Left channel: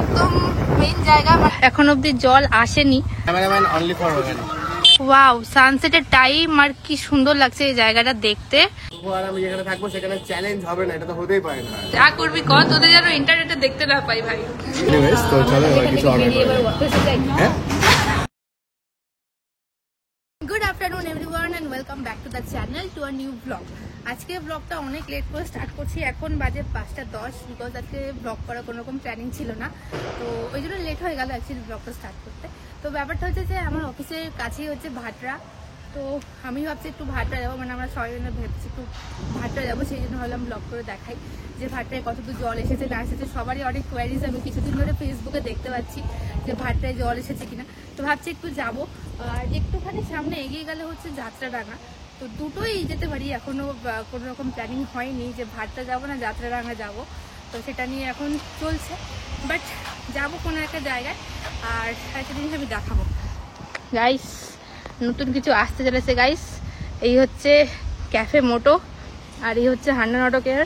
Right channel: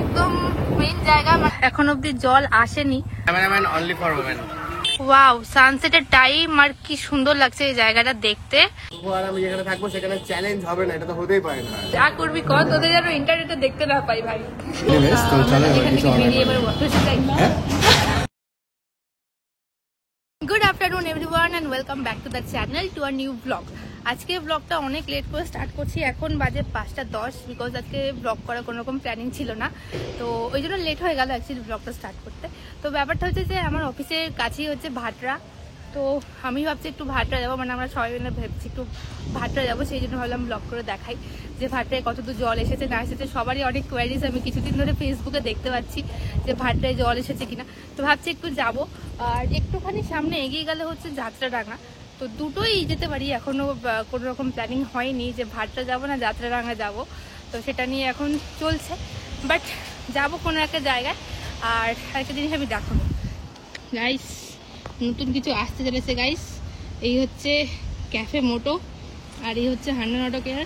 একদম মেইন জায়গা, এখন অব্দি জল আসেনি। Cameraman only for women. Wow, সানসেটের টাইম আর কি সুন্দর লাগছে এই জায়গাটা দেখতে। আর আমি যেখানে থাকবো সেখানে চ্যালেঞ্জ হবে না, এটা তো হতেই পারে না। যা করবি কর, তোদের যেন ইন্টারনেটে দেখতে না পাই ভাই। এনিওয়েজ তো চলো এবার কিছু অর্ডার করি। Good afternoon everyone and welcome back to the channel to a new blog. আজকে ব্লগটা অনেক লেট করে স্টার্ট করছি, এখন বাজে 5:10, বিকজ আজকে ব্লগ করার কোনো রকম প্ল্যানিং ছিল না, তো ওই জন্য লেট হয়ে গেল অ্যাকচুয়ালি ব্লগটা স্টার্ট করতে। তো ব্যাপারটা হচ্ছে যে আমার অফিসের কাছেই হচ্ছে ভাটরা, তো আমি ভাবছি একটু ভাটরা যাবো, মানে আমরা সবাই মিলে ভেবছি একটু ভাটরা যাবো, সেই জন্য ভাবলাম ব্লগ করে দেখাই যে ভাটরায় কতদূর জল এসেছে না এসেছে। সবারই অনেক কোয়ারিজ আমি কিছুদিন ধরে ফেসবুকে দেখতে পাচ্ছি যে ভাটরায় জল এসেছে কিনা, তো ভাবছি একটু যাব। আর একটুখানি সামনে এগিয়ে গেলে হচ্ছে যাত্রাডাঙ্গা, তো দুটোই যেতে পারি। এখনো কোনো রকম প্ল্যানিং হয়নি যে ভাটরা যাবো না যাত্রাডাঙ্গা যাব, তো সেটা নিয়ে এখন চলছে, বাট যাবো কোনো একটা জায়গায়। আর আরেকটা জিনিস আমি দেখাবো গাইস, নতুন কিছু আসতে চলেছে গাইস। এই হচ্ছে ক্যাফে মোটো আর এই হচ্ছে হান্ডা নাটকের,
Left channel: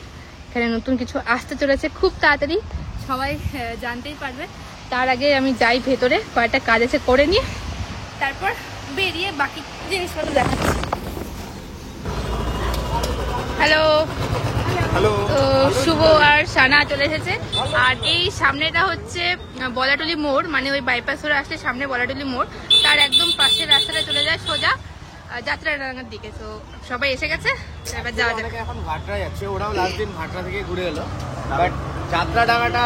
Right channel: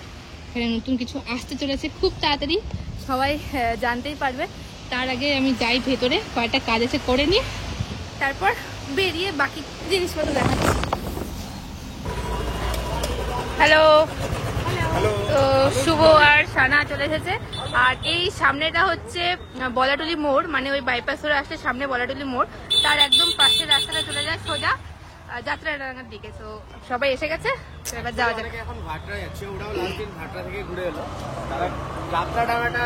এখানে নতুন কিছু আসতে চলেছে খুব তাড়াতাড়ি, সবাই জানতেই পারবে। তার আগে আমি যাই ভেতরে, কয়েকটা কাজ আছে করে নিয়ে তারপর বেরিয়ে বাকি জিনিসপত্র দেখাচ্ছি। হ্যালো, তো শুভ আর সানা চলে এসেছে। আর এই সামনেটা হচ্ছে বলাটুলি মোড়, মানে ওই বাইপাস ধরে আসলে সামনে বলাটুলি মোড়, তার একদম পাশের রাস্তাটা চলে যায় সোজা যাত্রাডাঙ্গার দিকে। তো সবাই এসে গেছে, এবার যাওয়া যাক। এখন ভাটরা যাচ্ছে, ওরাও লাস্ট দিন ভাটরা থেকে ঘুরে এলো, বাট যাত্রাডাঙ্গাটা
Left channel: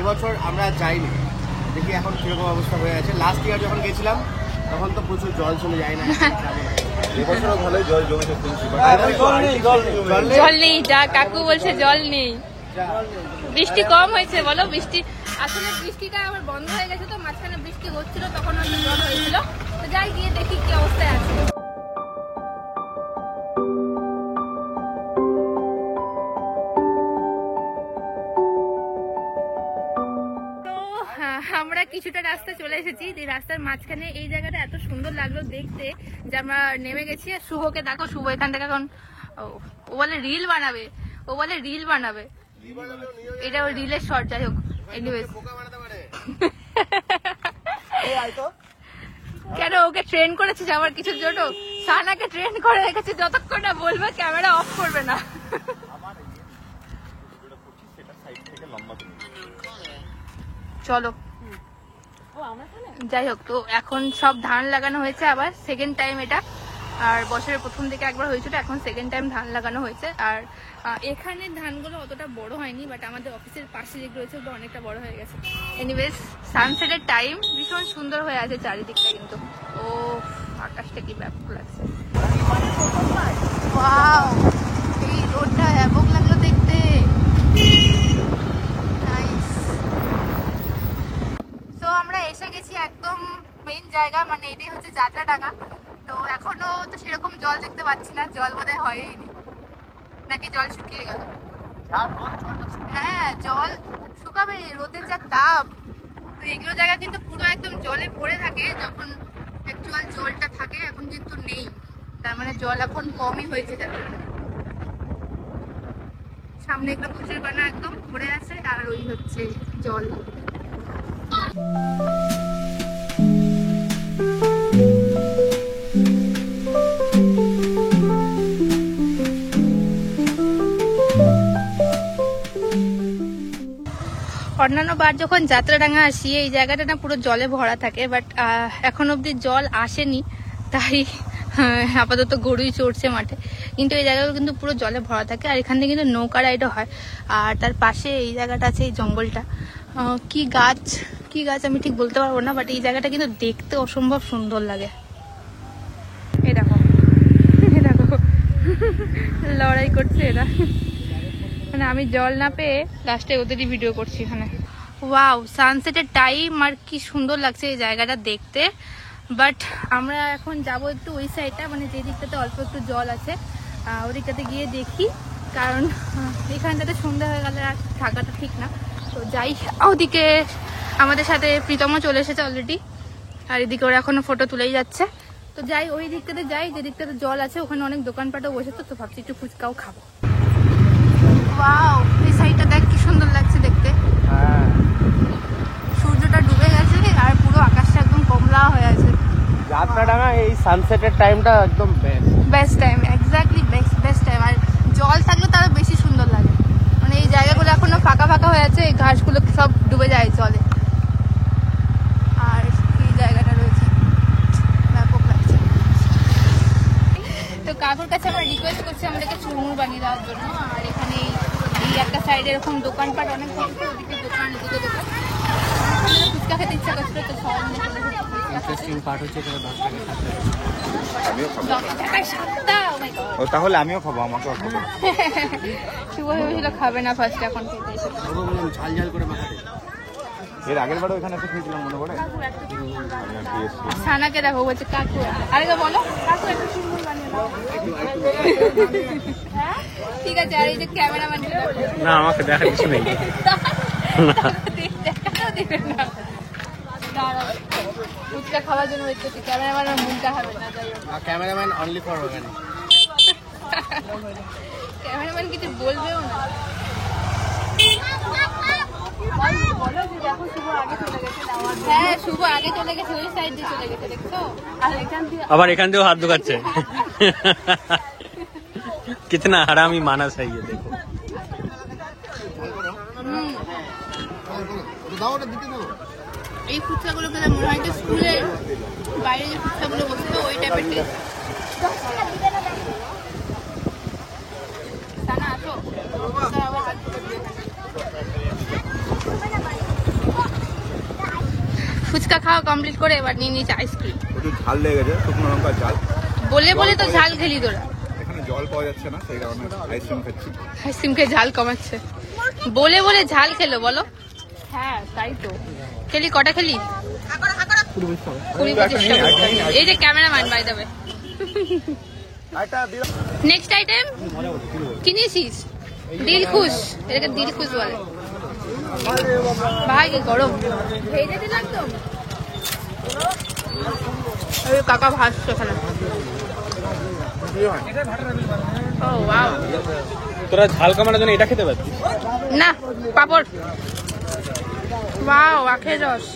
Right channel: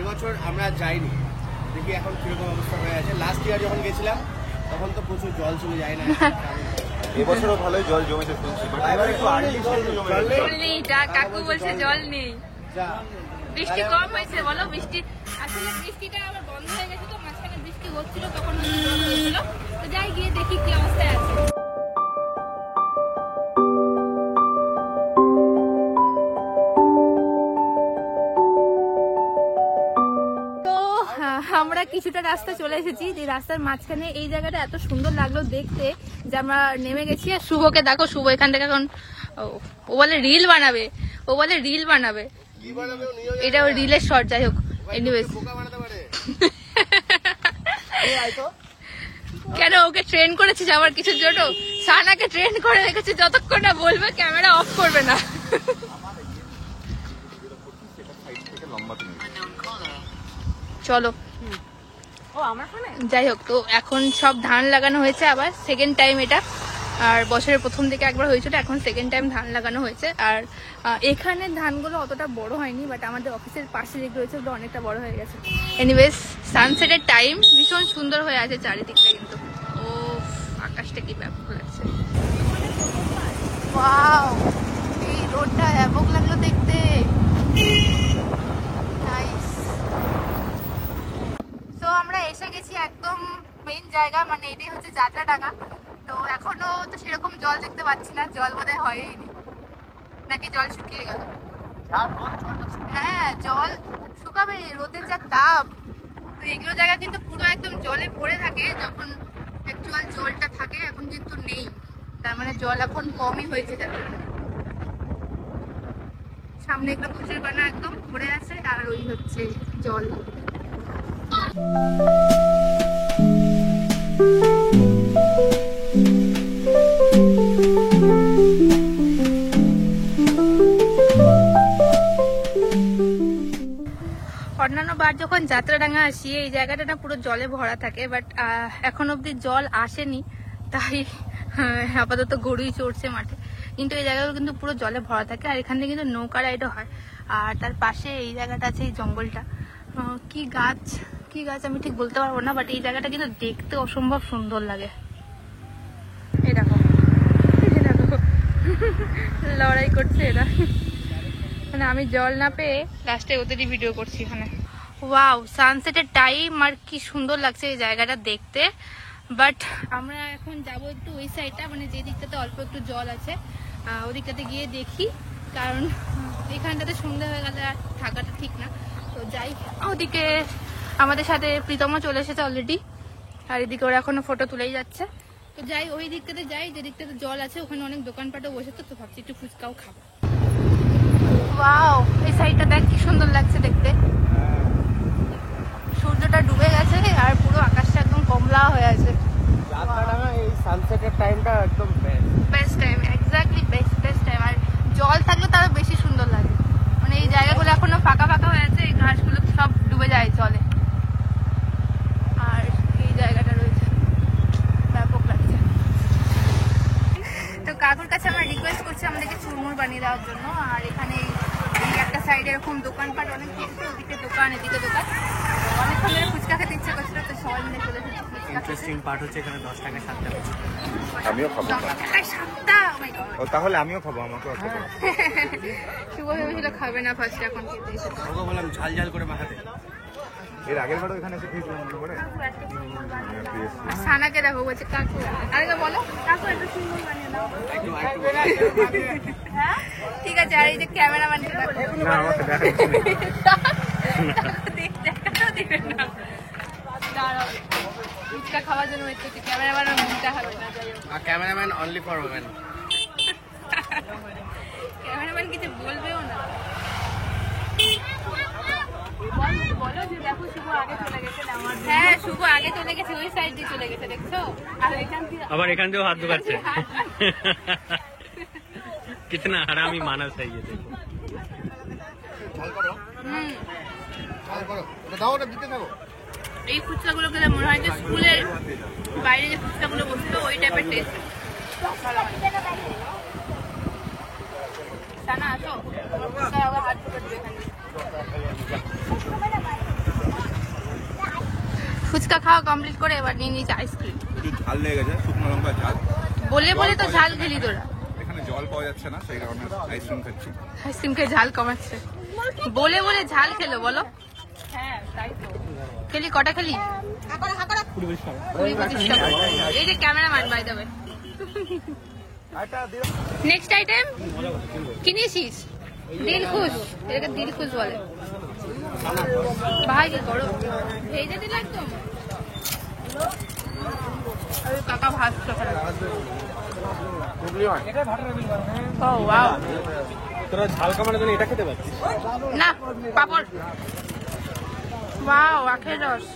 এবছর আমরা যাইনি, দেখি এখন কিরকম অবস্থা হয়ে গেছে। লাস্ট ইয়ার যখন গেছিলাম তখন তো প্রচুর জল চলে যায় না, জল নেই, যা কাকু বলছে জল নেই, বৃষ্টি কম হয়েছে বলো। বৃষ্টি আসলে বৃষ্টিটা আমার বন্ধ হয়ে গেছে, তো মাঝখানে বৃষ্টি হচ্ছিল তখন অনেক জল হয়েছিল, তো যাই গিয়ে দেখি কি অবস্থায় আছে। আমরা কিছুটা রাস্তা চলে এসেছি, যে রাস্তার মাঝখানে এই জায়গাটা এত সুন্দর লাগলো দেখতে যে আমরা নেমে গেছি। শুভকে দেখো, শুভ এখান থেকে এখন ও বলে রিল বানাবে, ও বলে রিল বানাবে, এটা ওর রিলের শর্ট। যাই হোক, এনিওয়েজ কেন ওকে ট্রেন করেছিস আবার কিছুর জন্য? সানাকে ট্রেন করে রেখেছে, যতক্ষণ না বলবে ক্যামেরা অফ করবে না। চলো, যাই হোক, তো এখন সব ধান লাগানো হয়েছে আবার সেকেন্ড টাইম এটা, আর বছরের প্রথম দিকে একবার হয়েছিল, এখন সেকেন্ড টাইম ধান লাগানো হয়েছে। আর এখানে ধানগুলো অতটা বড় হয়নি, বাট আমাদের অফিসের পাশে যেগুলো রয়েছে ওগুলো অনেকটা বড় হয়ে গেছে। এনিওয়েজ, সানসেটের টাইম ভীষণ সুন্দর হয়ে আছে চারিদিকটা, কিন্তু ও আকাশটা কি ব্যাপক লাগছে। ওয়াও, এই রোডটা ব্যাপক লাগলো দেখতে। তো আমরা এসে গেছি একদম মেইন জায়গা, মানে এটাই হচ্ছে যাত্রাডাঙ্গা। তো এখনো তো সেরকম জল দেখতে পাচ্ছি না, জল বোধহয় হয়নি, নাকি জল শুকিয়ে গেল? হ্যাঁ, জল শুকাবে, রোদের যা তাপ। তো এগুলো জায়গা কিন্তু পুরো একদম জলে ভরে থাকে যখন অ্যাকচুয়াল জলটা থাকে, এখন কিন্তু নেই, তার মানে জল এখন কমই হয়েছে। সামনে এগুলো কুচের বানা একদম ভরে আছে, আর ওই হচ্ছে জল। অন্যান্য বার যখন যাত্রাডাঙ্গা আসি এই জায়গাটা না পুরো জলে ভরা থাকে, বাট এখন অব্দি জল আসেনি, তাই আপাতত গরুই চড়ছে মাঠে, কিন্তু এই জায়গাগুলো কিন্তু পুরো জলে ভরা থাকে। আর এখান থেকে কিন্তু নৌকা রাইডও হয়। আর তার পাশে এই জায়গাটা আছে, এই জঙ্গলটা, কি গাছ আমি ঠিক বলতে পারবো না, বাট এই জায়গাটা কিন্তু দেখতে অসম্ভব সুন্দর লাগে। এই দেখো লড়াই করছে এরা, মানে আমি জল না পেয়ে লাস্টে ওদেরই ভিডিও করছি এখানে। ওয়াও, সানসেটের টাইম আর কি সুন্দর লাগছে এই জায়গাটা দেখতে। বাট আমরা এখন যাব একটু ওই সাইডটা, মানে যে দিকটাতে অল্প একটু জল আছে ওই দিকটাতে গিয়ে দেখি, কারণ এখানটাতে সন্ধ্যা হয়ে গেলে আর থাকাটা ঠিক না। তো যাই, ওদিকে আমাদের সাথে প্রীতমও চলে এসেছে অলরেডি, আর এদিকে ওরা এখনো ফটো তুলেই যাচ্ছে। তো যাই, ওই দিকটাতে যাই যে দিকটাতে জল আছে, ওখানে অনেক দোকানপাটও বসেছে, তো ভাবছি একটু ফুচকাও খাবো। ওয়াও, এই সাইডটা দেখ কি সুন্দর লাগছে দেখতে। সানসেটের টাইমটা একদম best time, exactly best time. আর জল থাকলে তারও বেশি সুন্দর লাগে। মানে এই জায়গাগুলো এখনো ফাঁকা ফাঁকা হয়ে আছে, এই ঘাসগুলো সব ডুবে যায় জলে। আর এই জায়গাটা রয়েছে, ব্যাপক লাগছে। তো কাকুর কাছে আমরা রিকোয়েস্ট করছি আমাদেরকে চুরমুর বানিয়ে দেওয়ার জন্য। আর এখানে এই একটা সাইডে এরকম দোকানপাট অনেক হচ্ছে, ওদিকে দোকান এদিকে দোকান। অনেকক্ষণ ধরে ফুচকা খেতে ইচ্ছা করছিল, তো সবাই মিলে চলে এসেছি। ইন্টারেস্টিং পার্ট হচ্ছে এখানে 10 টাকায় 7টা ফুচকা। আমিও খাবো। 10 টাকায় 7টা, ও মাই গড। তাহলে আমিও খাবো, আমাকেও খাবো। শুভ ভেবেছিল খাবে না ফার্স্ট, এখন খেতে এসেছে। ওকে বললাম ঝাল ঝাল করে মাখাতে। এর আগের বারও এখানে এসে খেয়েছিলাম, মনে পড়ে? আর সানাকে দেখো বলছে কাকু, আরে বলো কাকু একটু চুরমুর বানিয়ে দাও। হ্যাঁ ঠিক আছে। আর এই যে ক্যামেরাম্যানকে দেখো। না, আমাকে দেখার কিছু নেই। ফুচকা খাওয়ার জন্য ওয়েট করছি, ক্যামেরাম্যান ওর মুখটা হবে না। আর cameraman only for women. Cameraman কিছু বলবেও না। বলো যে দেখো শুভ আগে চলে গেছে। হ্যাঁ শুভ আগে চলে গেছে, ওই সাইড দিয়ে চলে গেছে, দেখছো? আর এখান দিয়ে আবার এখান দিয়েও হাত ঢুকাচ্ছে। কিতনা হারামি মানাস है ये देखो। ঝাল করো, ঝাল করো। ওটা দাও, ওটা দিতে থাকো। এই ফুচকাগুলো খেলে মনে হয় যে স্কুলের বাইরে যে ফুচকাগুলো বসতো ওই টাইপের টেস্ট। সানা আসো, আবার হাত ঢুকে দিবে এখানে। ফুচকা খাওয়া কমপ্লিট করে এবার নিয়ে নিয়েছে আইসক্রিম। একটু ঝাল লেগে গেছে, শুকনো লঙ্কা ঝাল। বলে বলে তো ঝাল খেলি তোরা। এখানে জল পাওয়া যাচ্ছে না, সেই কারণে আইসক্রিম খাচ্ছি। আইসক্রিম খেয়ে ঝাল কমাচ্ছে, বলে বলে ঝাল খেলো। বলো হ্যাঁ তাই তো। খেলি কটা খেলি? 20-25টা ফুচকা। এই যে cameraman by the way. Next item কি নিয়েছিস? দিল খুশ, এটাকে দিল খুশ বলে। ভাই কি গরম, ভেজে দিল একদম। কাকা ভাসছে ওখানে। ও ওয়াও, তোরা ঝাল কমানোর জন্য এটা খেতে পারছিস না পাপড়। ওয়াও, আখের রস।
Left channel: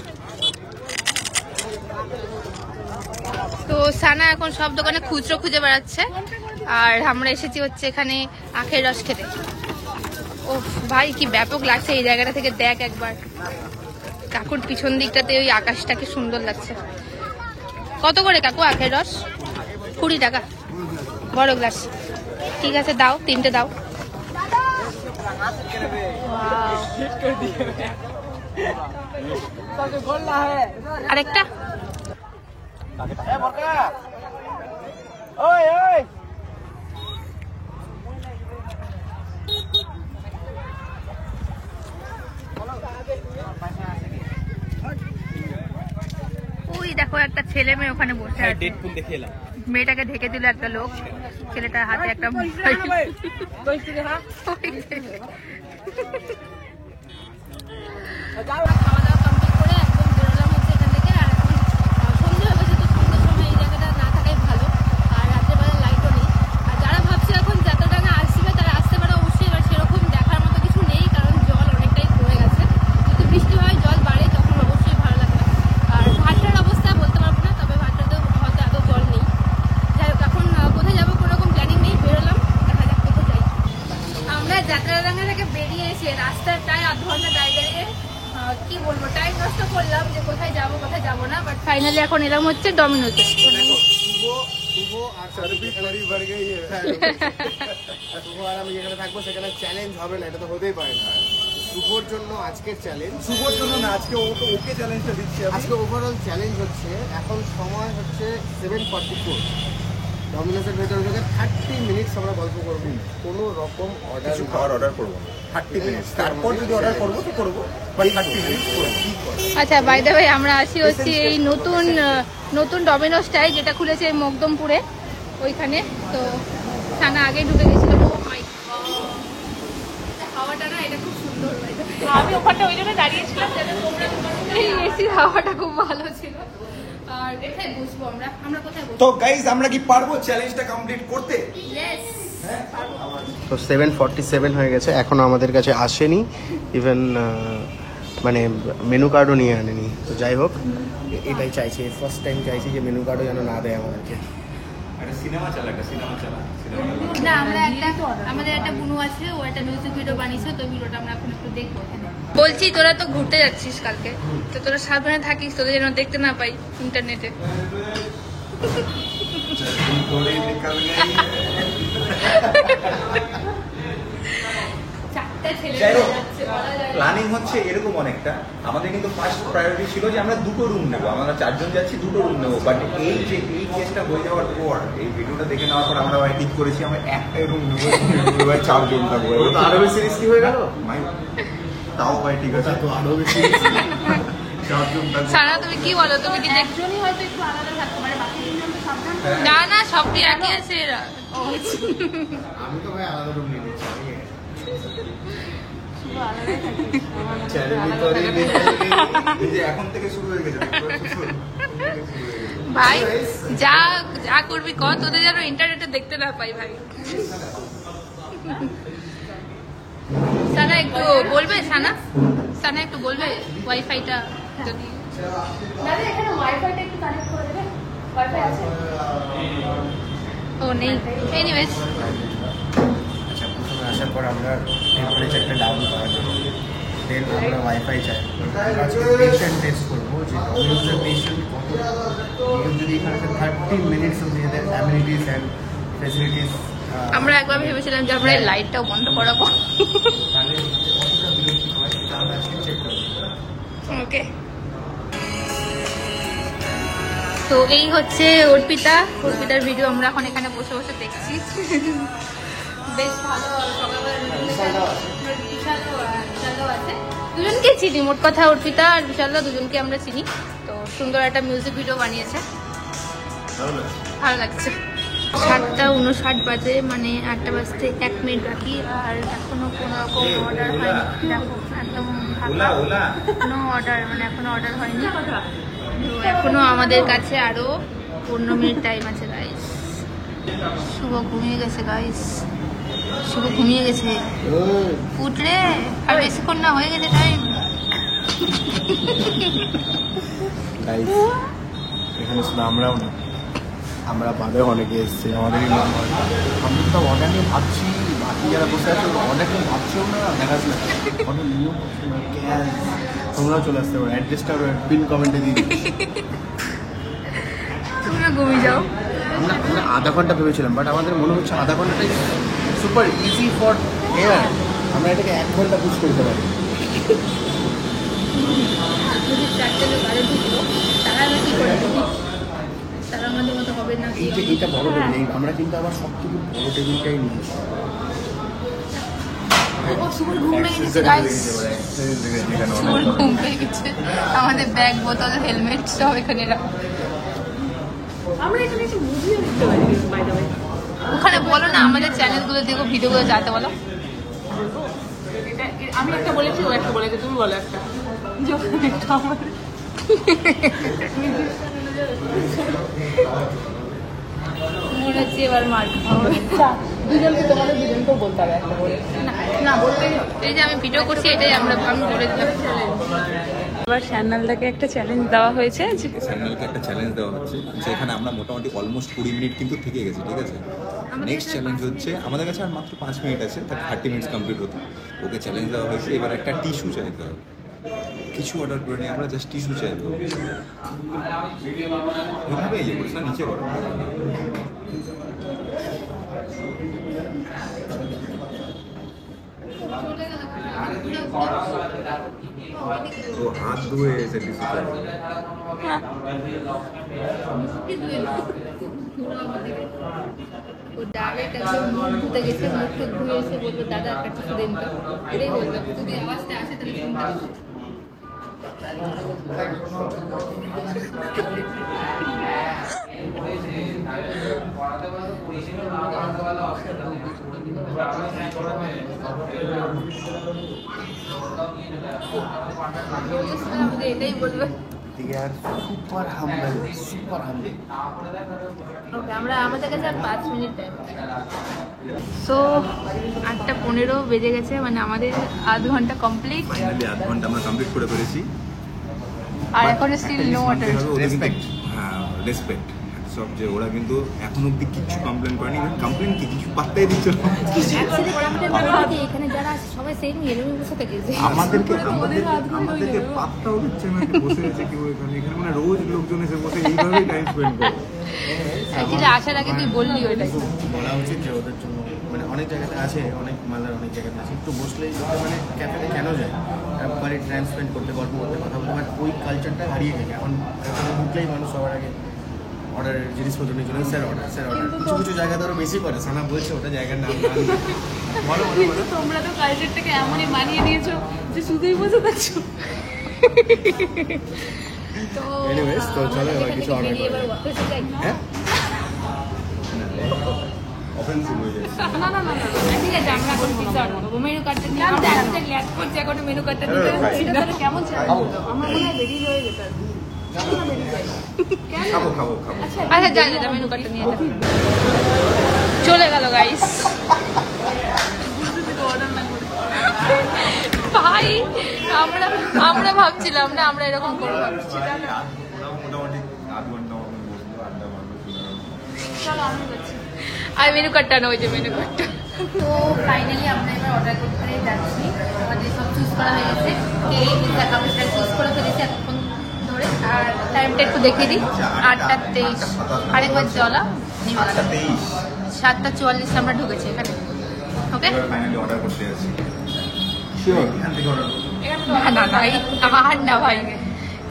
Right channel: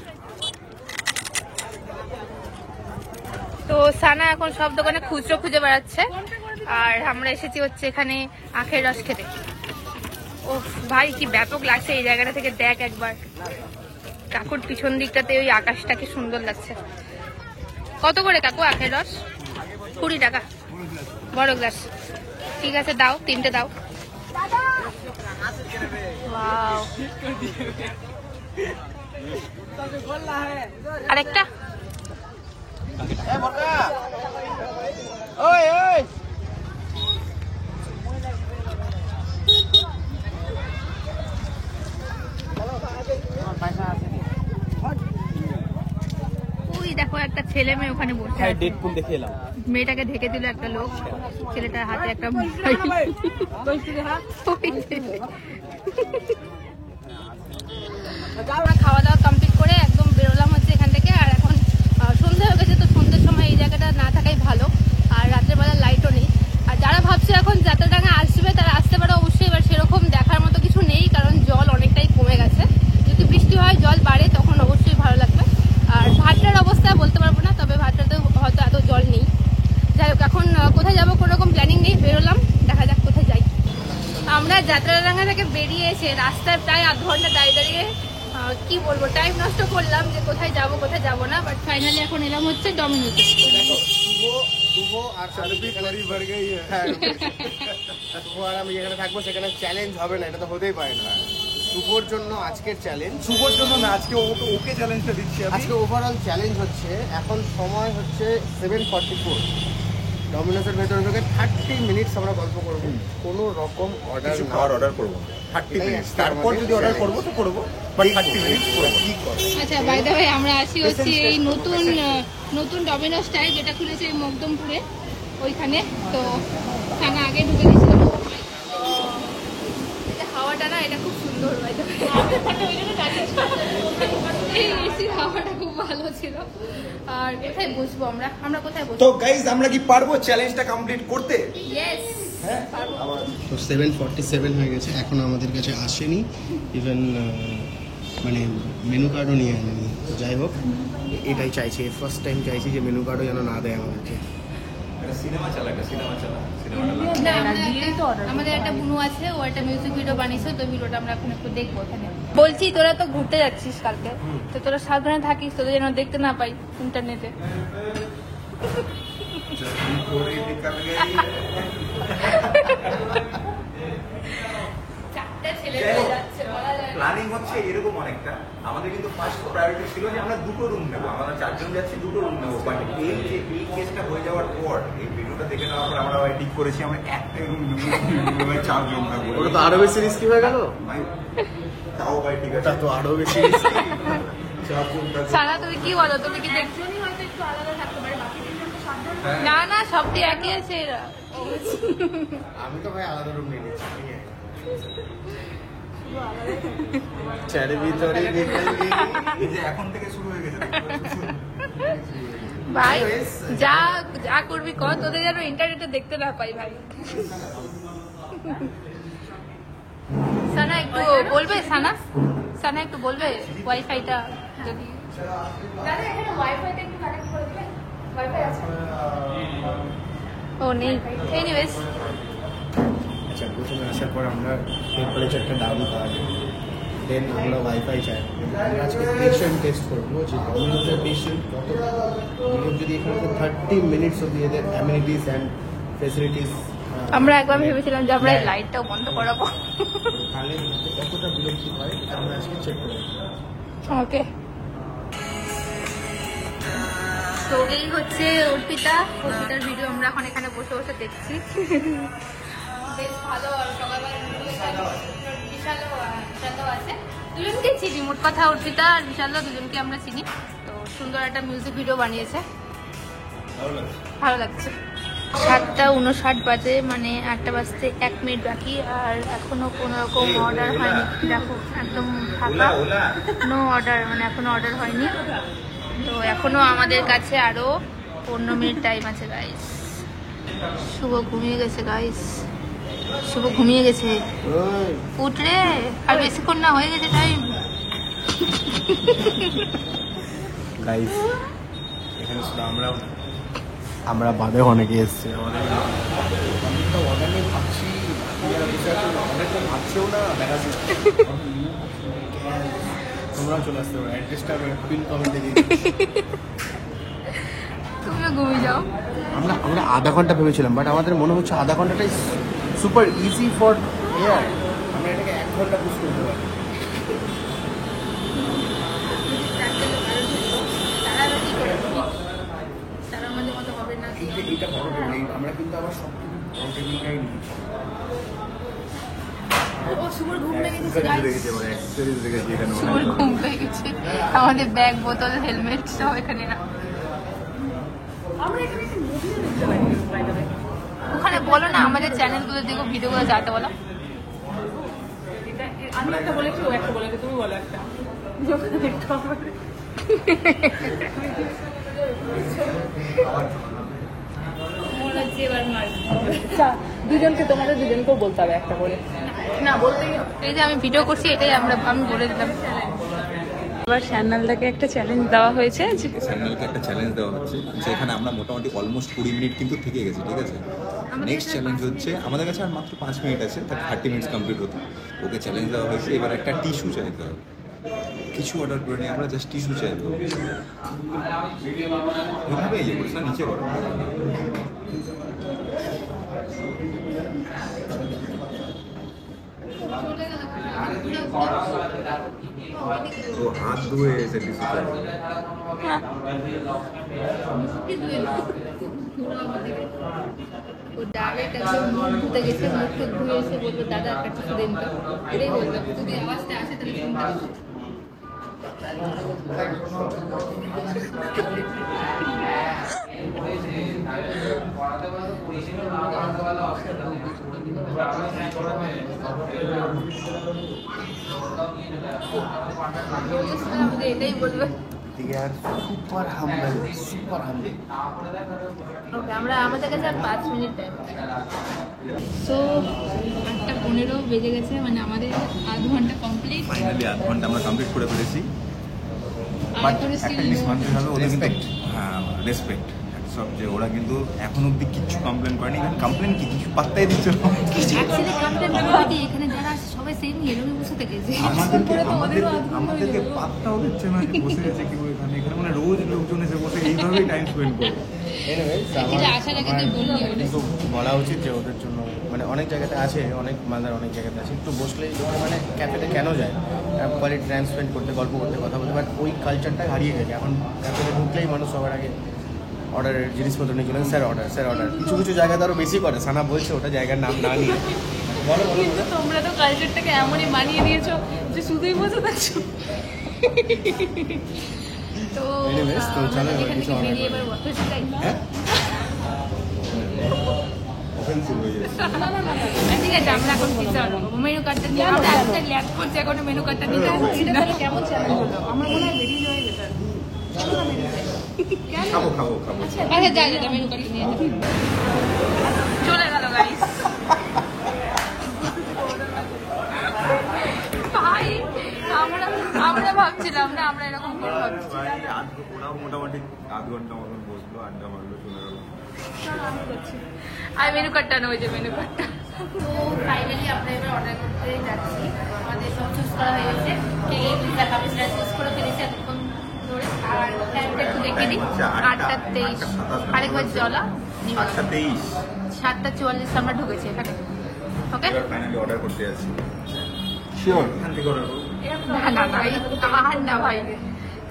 তো সানা এখন সব দোকানে খুচরো খুঁজে বেড়াচ্ছে, আর আমরা এসেছি হচ্ছে এখানে আখের রস খেতে। ও ভাই কি ব্যাপক লাগছে এই জায়গাটা থেকে, দেখ একবার। কাকুর পিছন দিকটাতে ওই আকাশটা কি সুন্দর লাগছে। কত করে কাকু আখের রস? 20 টাকা বড় গ্লাস। ঠিক আছে দাও, 3টে দাও। ওয়াও, আরেকটা। ওই দেখো একটা ছেলে মেয়ে ওখানে বসে আছে। ডেডপুল দেখে এলাম। মেয়েটাকে ঢেকে দিল একটা লোক, ছেলেটার হাতে একটা মোবাইল। আমরা খাওয়া দাওয়া কমপ্লিট করে একদম বেরোলাম হচ্ছে এখান থেকে। আর এখন সন্ধ্যা হয়ে গেছে, তো সন্ধ্যার সময় এই জায়গাটা না থাকাই ভালো। আর রাতের বেলা লাইটও নেই। আর যারা ভাবছে এখন যাত্রাডাঙ্গা আসবে তারা আসতে পারে অবশ্যই। এবার সেরকম দেখার মতো কিছু নেই, কারণ জল অনেকটাই কমে গেছে। যদি বৃষ্টি হয়, জল বাড়ে, তখন অবশ্যই ভালো লাগবে। আর ভাটটার অবস্থা বলতে পারবো না, তবে ভাটটাতেও হয়তো এত জল নেই। যাই হোক, এখন কোথায় যাবো কোনো রকম প্ল্যানিং নেই, বেরোলাম, দেখা যাক কোথায় যাই। আমরা যাত্রাডাঙ্গা থেকে বেরিয়ে এসে রাস্তায় প্রায় আধ ঘন্টা দাঁড়িয়ে দাঁড়িয়ে কি বলবো টাইম নষ্ট করলাম যে কোথায় যাবো কোথায় যাবো না। বাট ফাইনালি এখন এলাম হচ্ছে ডমিনোজে। শুভ আর শুভ আর আমি যেখানে থাকবো সেখানে চ্যালেঞ্জ হবে না, এটা তো হতেই পারে না। শুভর জন্য আজকের চ্যালেঞ্জ, শুভর জন্য না, আজকে ওকে চ্যালেঞ্জটা দিচ্ছি। আজকে ওভারঅল চ্যালেঞ্জ হচ্ছে, এখন সময় হচ্ছে 7:44। ডমিনোসের ভেতরে থেকে 30 মিনিটস আমরা গল্প করবো, কোনো রকম অর্ডার করবো 30 মিনিট। তারপর যদি অর্ডার করবো তো করবো, বাট 30 মিনিট করবো। আচ্ছা বাই দ্য ওয়ে, আমরা আসি হচ্ছে এই নতুন ডমিনোসটাই, যেটা খুলেছে মকদমপুরে ওইখানে। তো সানা আগে ঢুকে গেছিল। হাওয়াটা না, এটা খুব সুন্দর। এই এসির হাওয়াটা খুব ভালো ছিল। আর কোথায় বসবো আমরা কোথায় বসবো? তো গাইস, আমরা কি পারবো চ্যালেঞ্জটা কমপ্লিট করতে? ইয়েস পারবো। তো 7:47 হয়ে গেছে, এখনো আমাদের কাছে আসেনি। ইভেন মানে মেনু কার্ডও নিয়ে আনেনি। তো যাই হোক, এটাই চাইছি, ফার্স্ট টাইম চাইছি যে মেনু কার্ডও যেন না দেয় আমাদেরকে। না আমাদের একটা বুনু আছে, ও একটা মিউজিক ভিডিও বানিয়েছে, তো ভিডিওটা আমরা এখন একটু দেখবো। বলছি তোরা তো ঘুরতে যাচ্ছিস কালকে, তো তোরা সাবধানে থাকিস, তোদের যেন দেখতে না পাই ইন্টারনেটে। প্ল্যানিং হচ্ছে এরকম অনেকটা। আমাদের কিন্তু ফার্স্ট প্রায়োরিটি ছিল যে আমরা দুটো রুম নেবো, আমরা 4 জন যাচ্ছি, দুটো রুম নেবো। বাট এই যে এই কেসটা হয়ে যাওয়ার পর, এই ভিডিওটা দেখে নেওয়ার পর আমরা ঠিক করেছি আমরা একটাই রুম নেবো, 4 জন থাকবো। আরো বেশি রিস্কি হয়ে গেল। তাও ভাই ঠিক আছে, তো আরো বেশি সারা তুমি কি বলো? তুমি কি একজনই হয়তো একটু আলাদা থাকতে পারে, বাকি তিনজন তো সাবধান। না না, সবটি একই আছে এরা। আমি তো ভাই আলাদা রুম নিয়ে নিচ্ছি। এখন থেকে শুরু হয়ে গেছে ভাই যা যা করবি কর, তোদের যেন ইন্টারনেটে দেখতে না পাই ভাই। সানা একটু বলবে, সানা সানা একটু বলবে ওয়াইফাইটা যদি দাদা এখানে ওয়াইফাইটা একটু কানেক্ট করে দেবে। ওয়াইফাই আছে? ও নেই। এনিওয়েজ, আচ্ছা, প্রথমে আসার পর আমরা টেম্পারেচারটা ডাউন করি, দেন আমরা ওয়াইফাই চাই। আমরা আজকে পেশেন্ট টেস্ট করবো যে ডমিনোজের পেশেন্ট কত, যদি এখানে 30 মিনিটস অফ এদের অ্যামিনিটিস অ্যান্ড ফেসিলিটিস। আমরা একবার ভেবেছিলাম যে আমরা এই লাইটটাও বন্ধ করাবো। তাহলে কতটা বিরক্তি হয় এটা আমরা আজকে চেক করবো। ওকে, তো এই হচ্ছে অর্পিতার ভিডিও আমরা এখন এখানে বসে বসে দেখছি। বেশ ভালো, সকালবেলা বিশালও আছে, দুজনকে চিনি। মোট কথা অর্পিতা আর বিশালদা দুজনকে আমরা চিনি। তো সুন্দর একটা মিউজিক ভিডিও বানিয়েছে, ভালো লাগছে। 7:59 বাজে, মানে 1টা বাজতে 1 মিনিট বাকি, আর এখনো কোনো রকম অর্ডার হয়নি। দেখো একদম ফাঁকা, কোনো অর্ডার, মানে এখনো অর্ডার হয়নি। তো এখনো আমাদের কাছে আরো 15 মিনিট টাইম আছে গাইস। শুভ ঘুমিয়ে গেছে গাইস, শুভ ঘুমিয়ে গেছে। উঠ রে, আর বেশিক্ষণ না, হয়ে গেছে টাইম। এখানে শুধু আমরাও না, আমরা ভাবে অনেকে এসছে আমাদেরই। আমরা তো অর্ডার নিয়ে ভাবছি, বাকি যারা বসে আছে অর্ডার নিয়ে ভাবছেও না, দেখাচ্ছি না অর্ডার নিয়েও ভাবছি না। তোমরাও চলে আসতে পারো, অ্যাড্রেসটা পিন কমেন্টে দিয়ে দিচ্ছি। তুমিও ঘুমিয়ে যাও। আমরা আধা ঘন্টা ভেবেছিলাম, বাট আমাদের মনে হচ্ছে আধা ঘন্টাটাই সুপার ইজি ফর এয়ার। আমরা এটাকে 1 ঘন্টা পুশ করতে পারি। যদি 4টে লোক আরো ঢুকতো, তারা কি করে? তারা আমাদের মতো হবে না। এই যে এইটা বড় টেবিল, আমরা কিন্তু আবার সব থেকে বড় টেবিলটাই নিয়েছি। শুভর ঘুম পেয়ে গেছে গাইস, শুভর ঘুম পেয়ে গেছে। আমাদের ব্যাগ, বোতল, হেলমেট সব এখানে রাখো। ওখানে বলো না আমাদের চ্যানেলগুলো দেখো, ভিডিওগুলো যাতে বলো। আমি একটা বলেছি, ও একটা বলেছে, তুমি বলো একটা। মনে হচ্ছে এবার মার দুজনকে, তোমাদের দুজনকেও বলতে হবে একটা বলে। না বলতেই হবে। এই যে আমি ভিডিও করছি, এটাই আমি বলে দিলাম। এবার চ্যানেলটাকে একটা চ্যালেঞ্জ দেওয়া হয়েছে, চ্যানেলকে একটা চ্যালেঞ্জ দেওয়া হচ্ছে, যেখানে আমরা মোটামুটি অলমোস্ট 20 মিনিট কিন্তু থেকে গেছি, ঠিক আছে। নেক্সট চ্যালেঞ্জ হচ্ছে আমাদের কাছে আর মাত্র 5 মিনিট আছে, তার 30 মিনিটস কমপ্লিট হতে। ওকে চ্যালেঞ্জ দেওয়া হয়েছে, এবার একটা টিস্যু চাইতে হবে। কিছু অর্ডার করে নিয়ে আমরা জাস্ট টিস্যু চাইবো। ওইভাবে ইয়ে করিস না, নিচে করো। ও হাত ধুয়ে এসে টিস্যু চাইবো। ও ডাইরেক্ট একদম মুখ ধুতে গেছে, মুখ টুক ধুয়ে এসে বলবো দাদা একটা টিস্যু দিন তো। এটাই বললাম, যদি আওয়াজটা আসে তাহলে শুনতে পাবো। এটাই বলবে। they are super humble. ওকে, আমরা আমাদের কাছে আর 5 মিনিট টাইম। সো 8:15 বেজে গেছে, মানে আমাদের আধ ঘন্টা কমপ্লিট। ফাইনালি আধ ঘন্টা আমরা কমপ্লিট করে ফেলেছি। আর এখনো স্টিল নো অর্ডার। রেসপেক্ট, হ্যাঁ রেসপেক্ট সব, যে ওরা কিন্তু এখন অব্দি কিছু কমপ্লেন করেনি। কমপ্লেন কি, কিছু পাত্তাই দিচ্ছে না। অ্যাকচুয়ালি কমপ্লেন করে কি, এখানে যারা সবাই সেম এরকম বসে থেকে আমাদেরকে পাত্তাও দিচ্ছে না, যে বসে আছে কেউ এখানে। এখানে মানে রোজ লোকজন এসে বসে এইভাবেই টাইম স্পেন্ড করে। এটা আসার আগে তুই বললি ওটা বলা উচিত যে ওদের জন্য মানে অনেক জায়গাতে আছে, অনেক মালদার অনেক জায়গাতে আছে, একটু বসলেই লোকে মানে ক্যাফেতে কেন যায়, কোয়ালিটি টাইম স্পেন্ড করতে, গল্প করতে, কথা বলতে, বাট ওই কালচারটা হারিয়ে গেছে। এখন ক্যাফেতে ঢুকলেই মানুষ সবার আগে অর্ডারের জিনিসপত্র নিয়েছিলেন, স্যার অর্ডার, স্যার অর্ডার। কিছু কিছু জায়গাতে আরো বেশি করে, সানা বলছে ওটা জায়গার নাম না নিয়ে। বলো কিন্তু তোমরা তো কালচারটাকে এমনই মানিয়ে নিয়েছো যে শুধুই বসে থাকছো। তো Anyways, তো চলো এবার কিছু অর্ডার করি। হ্যাঁ অফেন্সিভ হয়ে যায়। ঠিক আছে, আমরা এখন পিৎজা অর্ডার করবো। মেনু কার্ডটা নিয়ে আমরা ল্যাপ করছি, এখন মেনু কার্ডটা দিতে হচ্ছে। কেমন চ্যালেঞ্জ হলো? আমার মনে হয় বেরিয়ে হয়ে গেছে। আচ্ছা যাই যা, মেনু কার্ডটা নিয়ে যা। চলে গেল গাইস। ভাই আমরা ভাবছিলাম না আমরা এরকম করবো, ভাবছি মোটামুটি আধ ঘন্টা মতন বসলো, আড্ডা মারলো, চলে গেল। আর মেনু কার্ডটা না, ওই যে মেনু কার্ডটা। তো ফাইনালি আমরা এবার অর্ডার করতে যাচ্ছি। আমাদের সব চুজ করা হয়ে গেছে, কে পিৎজা খাবে সেটা চুজ করে ফেলেছি এতক্ষণ ধরে। আর টাইমটা একটু দেখে দিই, 8:23। আরেকবার জলা নিবে 8:23, 7:44 আমরা ঢুকেছি এখানে। ওকে, ফাইনালি অর্ডার করতে যাচ্ছি। এখান থেকে অর্ডার করবো। না এই আর না ভাই,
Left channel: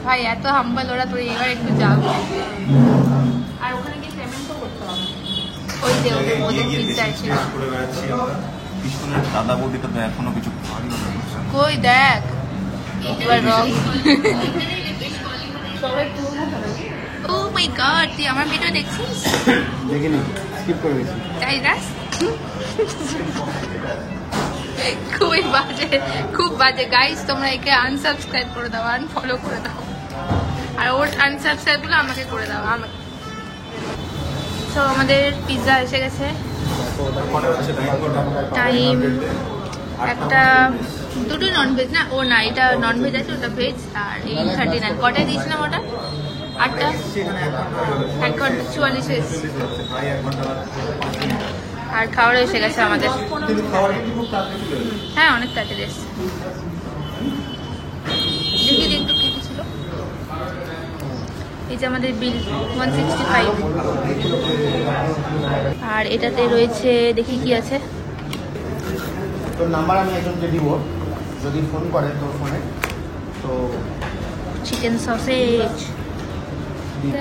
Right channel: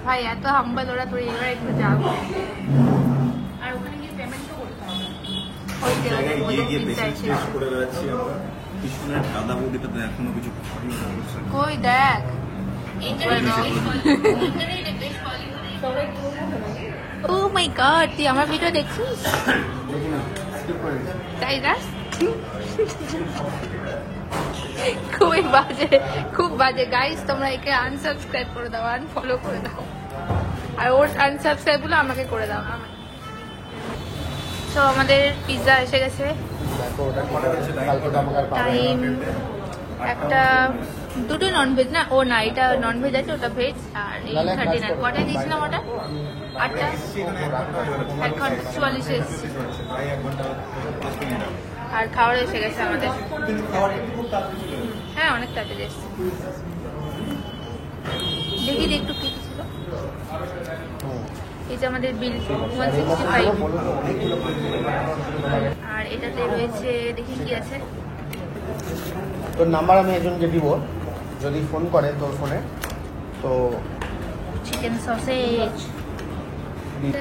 ভাই এত হাম্বল ওরা, তোর এবার একটু যাও। আর ওখানে গিয়ে পেমেন্ট তো করতে হবে। ওই যে ওদের পিৎজা এসে করে বেড়াচ্ছি আমরা। পিছনের দাদা বৌদিটা তো এখনো কিছু খাওয়ারই অর্ডার করছে না। কই দেখ, এবার রং। ও মাই গড, তুই আমার ভিডিও দেখছিস? দেখিনি, স্কিপ করে দিয়েছি। তাই না? খুব বাজে গাইস, তোমরা একে আনসাবস্ক্রাইব করে দাও, আনফলো করে দাও, আর ওর আনসাবস্ক্রাইব গুলো আমাকে করে দাও। তো আমাদের পিৎজা এসে গেছে। টাইম একটা, দুটো ননভেজ না, ও না এটা ননভেজ আছে, ওটা ভেজ। আর 8:39 কটায় দিয়েছিলাম ওটা? 8টা, 1:44 এসেছে। আর খাওয়ার এসে গেছে আমাদের। হ্যাঁ অনেক তাড়াতাড়ি এসছে। দেখি একটু কি কি ছিল। এই যে আমাদের বিল 165। আর এটাতে রয়েছে, দেখি কি আছে। তোর নাম্বার আমি এখন দিয়ে দিব, যদি ফোন করে তোর ফোনে তো। চিকেন সসেজ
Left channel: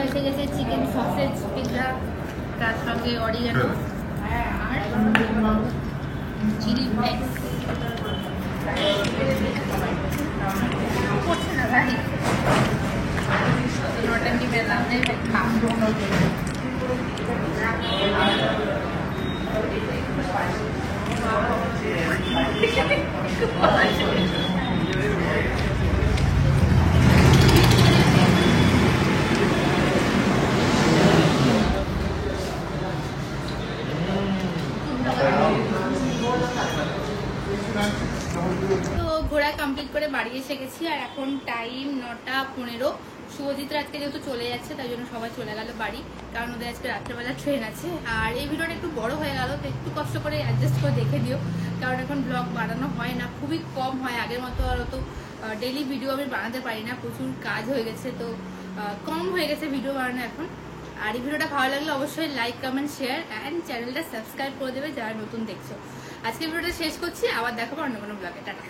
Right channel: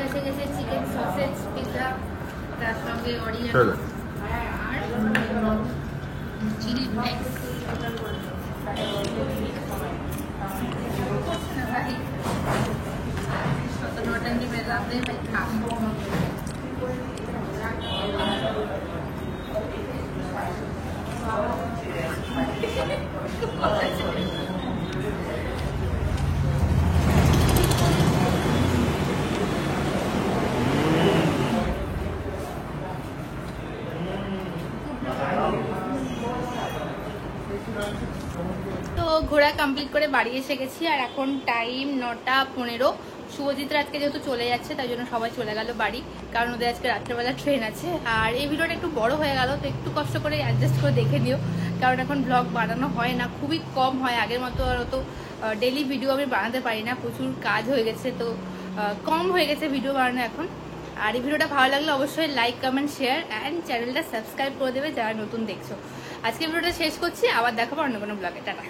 এসে গেছে, চিকেন সসেজ পিৎজা, তার সঙ্গে অরিগানো আর চিলি ফ্লেক্স। করছে না ভাই, অত নটাঙ্কি পেলাম না, এটা খা। তো ঘোরা কমপ্লিট করে বাড়ি এসে গেছি। আর এখন টাইম 9:15। শুভজিৎরা আজকে যেহেতু চলে যাচ্ছে, তাই জন্য সবাই চলে গেল বাড়ি, কারণ ওদের আজকে রাত্রেবেলা ট্রেন আছে। আর এই ভিডিওটা একটু বড় হয়ে গেল, তো একটু কষ্ট করে অ্যাডজাস্ট করে দেখে দিও, কারণ এখন ব্লগ বানানো হয় না, খুবই কম হয়। আগের মতো আর অত ডেইলি ভিডিও আমি বানাতে পারি না, প্রচুর কাজ হয়ে গেছে, তো কম হয়ে গেছে ভিডিও বানানো এখন। আর এই ভিডিওটা ভালো লাগলে অবশ্যই লাইক, কমেন্ট, শেয়ার অ্যান্ড চ্যানেলটা সাবস্ক্রাইব করে দেবে যারা নতুন দেখছো। আজকে ভিডিওটা শেষ করছি, আবার দেখাবো অন্য কোনো ব্লগে। টাটা।